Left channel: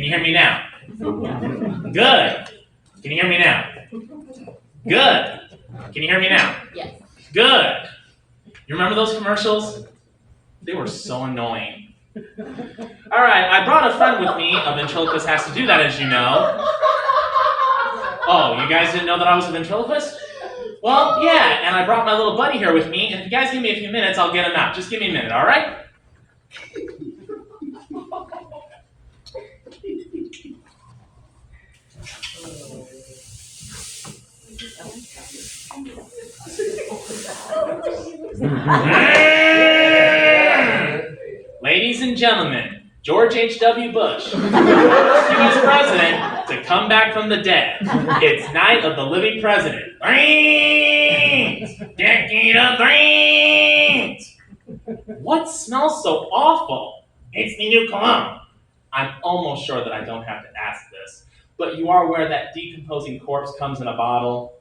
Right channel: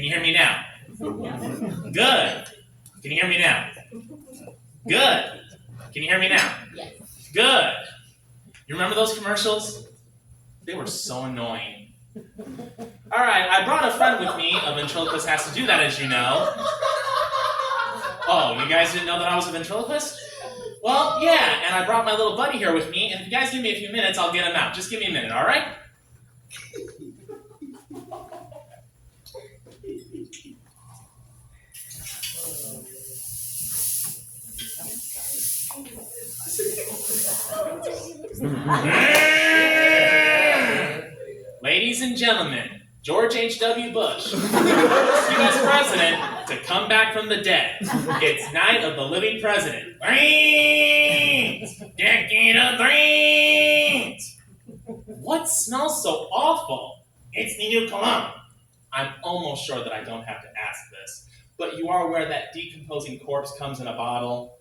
Can you hear me now? Good. Can you hear me now? Good. Can you hear me now? Yes. Good. You remember those commercials? They were so annoying. All right, I brought a friend with me. A ventriloquist has to do that, as you know. Oh, you guys didn't know that I was a ventriloquist? Well, yeah, and I brought my little buddy here with me, and if you guys give me a few minutes, I'll get him out. Just give me a minute, all right? Ladies and gentlemen, George H.W. Bush, U.S. president to come back from the dead. It's Night of the Living President. Brains! Decade of brains! What smells so awful? It's the new cologne. I'm almost sure that I don't have to ask this, but you are aware that decomposing corpse comes in a bottle?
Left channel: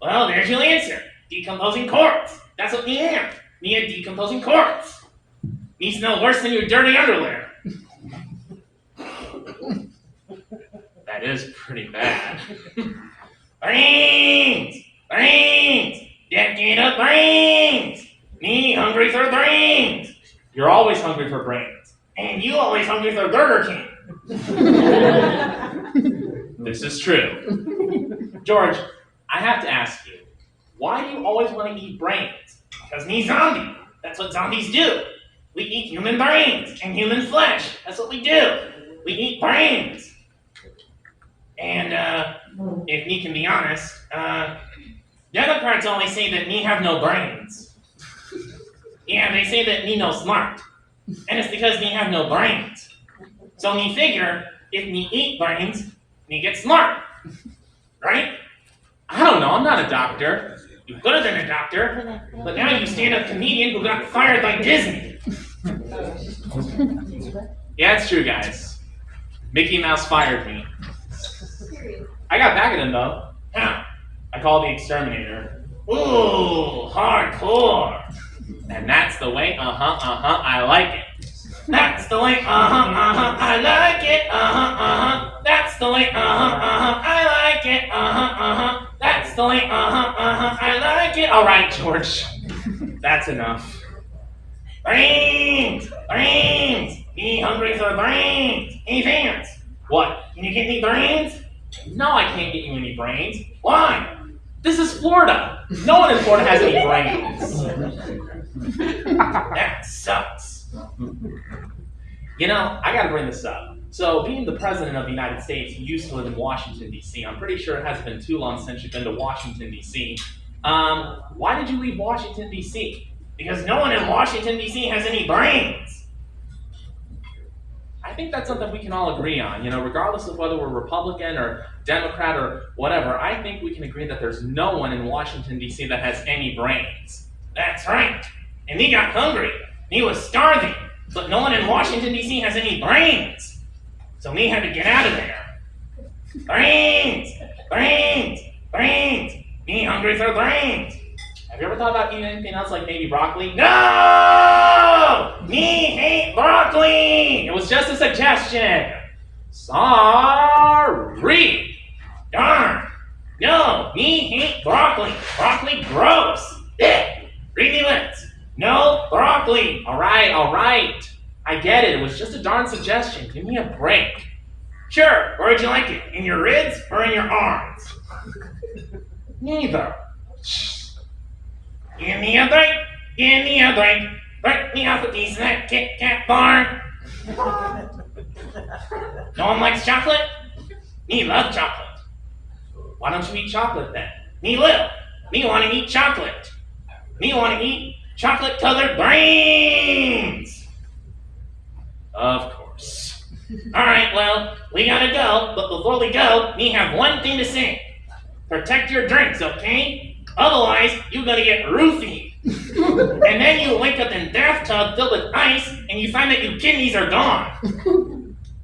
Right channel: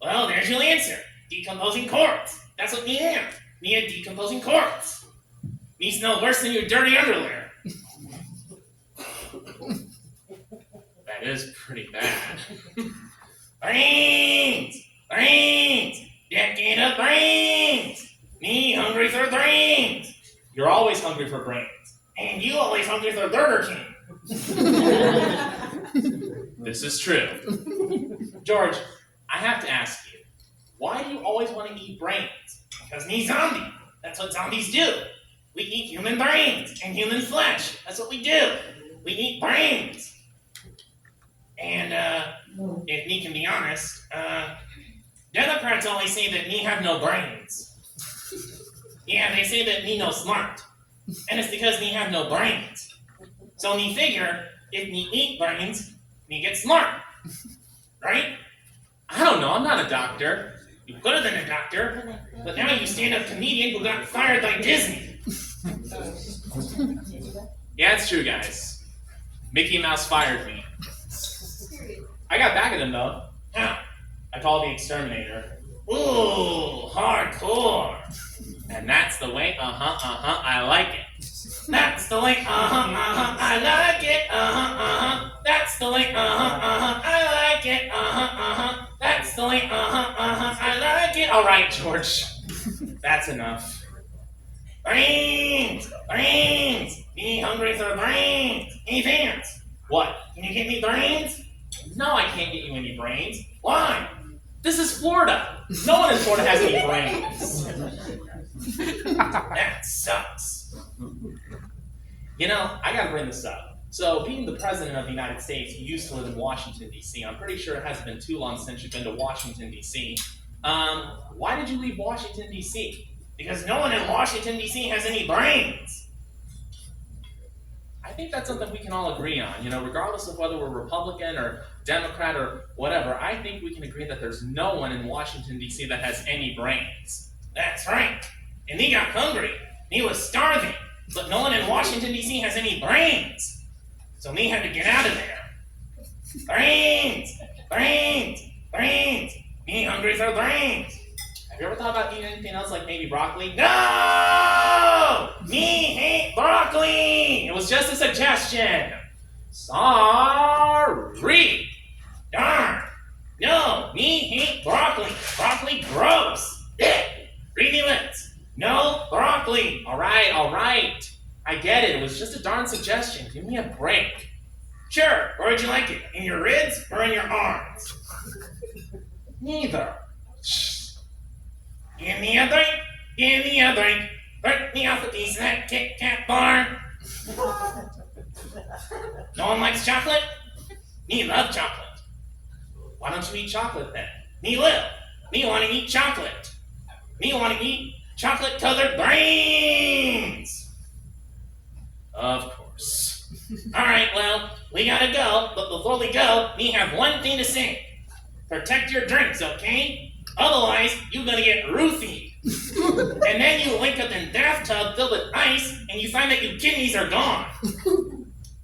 Well, there's your answer. Decomposing corpse. That's what we am. Me a decomposing corpse. Me smell worse than your dirty underwear. That is pretty bad. Brains! Brains! Decade of brains! Me hungry for brains! You're always hungry for brains. And you always hungry for Burger King. This is true. George, I have to ask you, why do you always want to eat brains? Because me zombie. That's what zombies do. We eat human brains and human flesh. That's what we do. We eat brains. And, if me can be honest, Democrats always say that me have no brains. Yeah, they say that me no smart. And it's because me have no brains. So me figure, if me eat brains, me get smart. Right? I don't know, I'm not a doctor. You could have been a doctor, but now you stand-up comedian who got fired by Disney. Yeah, it's true, guys. Mickey Mouse fired me. I got back at him, though. How? I called the exterminator. Ooh, hardcore. And that's the way, I like it. That's the way, I like it, That's the way, I like it, That's the way, I like it. All right, George. That's enough. Brains! Brains! Be hungry for brains! Hey, Vance! What? Can you get me brains? No, I can't get you any brains. Why? This is Florida. No one in Florida has any brains. That sucks. You know, I gotta bring this up. So, being the president of the United States, you used to live in Washington, D.C. I'm pretty sure it hasn't been too long since you've been to Washington, D.C. Why did you leave Washington, D.C.? Because no one in Washington, D.C. has any brains. I think that's something we can all agree on. You know, regardless of whether we're Republican or Democrat or whatever, I think we can agree that there's no one in Washington, D.C. that has any brains. That's right. And he got hungry. He was starving. But no one in Washington, D.C. has any brains. So me had to get out of there. Brains! Brains! Brains! Me hungry for brains. Have you ever thought about eating anything else like maybe broccoli? No! Me hate broccoli! It was just a suggestion. Sorry. Darn. No, me hate broccoli. Broccoli gross. Read me lips. No broccoli. All right. I get it. It was just a darn suggestion. Give me a break. Sure. Where'd you like it? In your ribs or in your arms? Neither. Shh. Give me a break. Give me a break. Break me off a piece of that Kit Kat bar. No one likes chocolate? Me love chocolate. Why don't you eat chocolate then? Me will. Me want to eat chocolate. Me want to eat chocolate-colored brains. Of course. All right, well, we gotta go. But before we go, me have one thing to say. Protect your drinks, okay? Otherwise, you're gonna get roofied. And then you wake up in bathtub filled with ice, and you find that your kidneys are gone.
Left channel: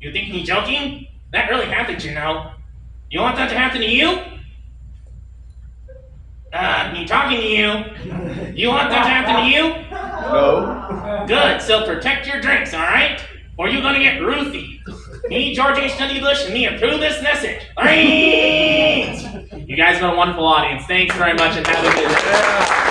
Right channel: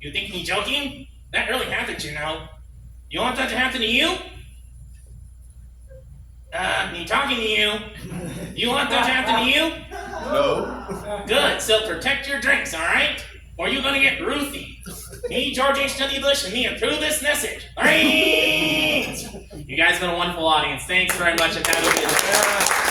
You think me joking? That really happened, you know. You want that to happen to you? Me talking to you. You want that to happen to you? No. Good, so protect your drinks, all right? or you're gonna get roofied. Me, George H.W. Bush, and me approve this message. Brains! You guys have been a wonderful audience. Thanks very much and have a good day.